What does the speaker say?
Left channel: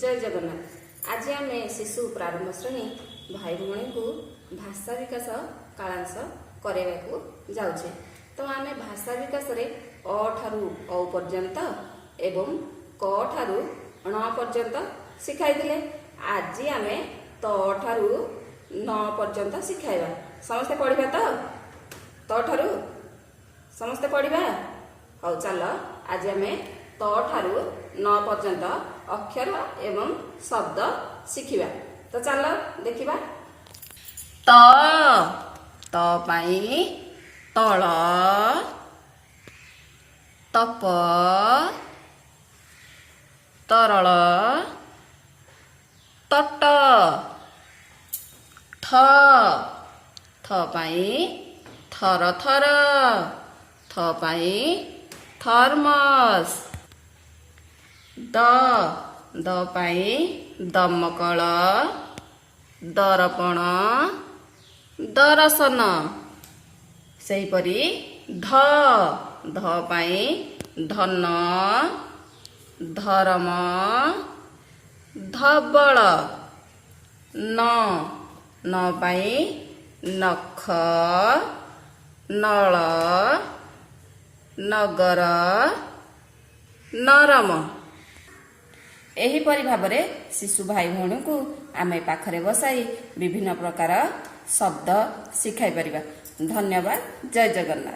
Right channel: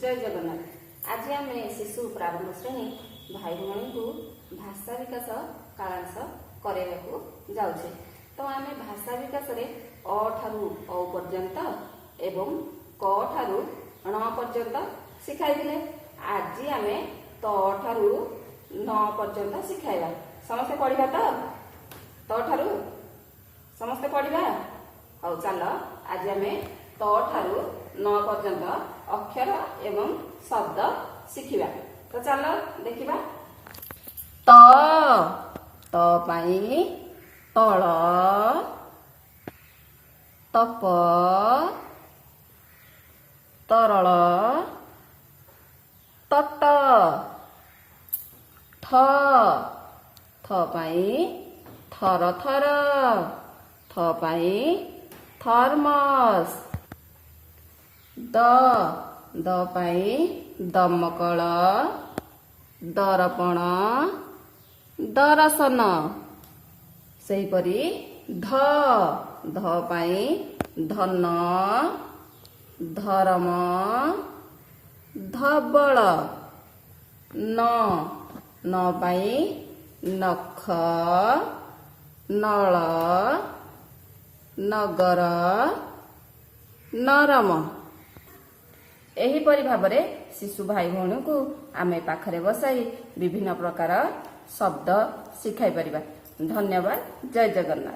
जय जगन्नाथ। आज आम शिशु प्रारंभ श्रेणी भाई भौणी को भाषा विकास कालांश कराइबा जाऊे। तो आम भाषा विकास रे अ ठारू औ पर्यंत एवं क ठारू ण पर्यंत शिखाई। आज आम त ठारू न पर्यंत शिखाइबा। समस्ते पढ़ा तो ठारू समस्ते पढ़ा। हौ चल आज आम त ठारू न पर्यंत अक्षर एवं शब्द शिखिबा। तो चल देखिबा। त पाई तल, तप तरल, तट, थ पाई थर थर, थ पाई थर्मस, द पाई दमकल, दर्पण, दर्शन। सेहीपरि ध पाई धन, धर्म, धबल। न पाई नख, नल, नगर, नरम। एहीपरि भाव शिशु भाई भौणी को आम पाखरे बसाई विभिन्न प्रकार शब्द शिखाई परिबा। धन्यवाद। जय जगन्नाथ।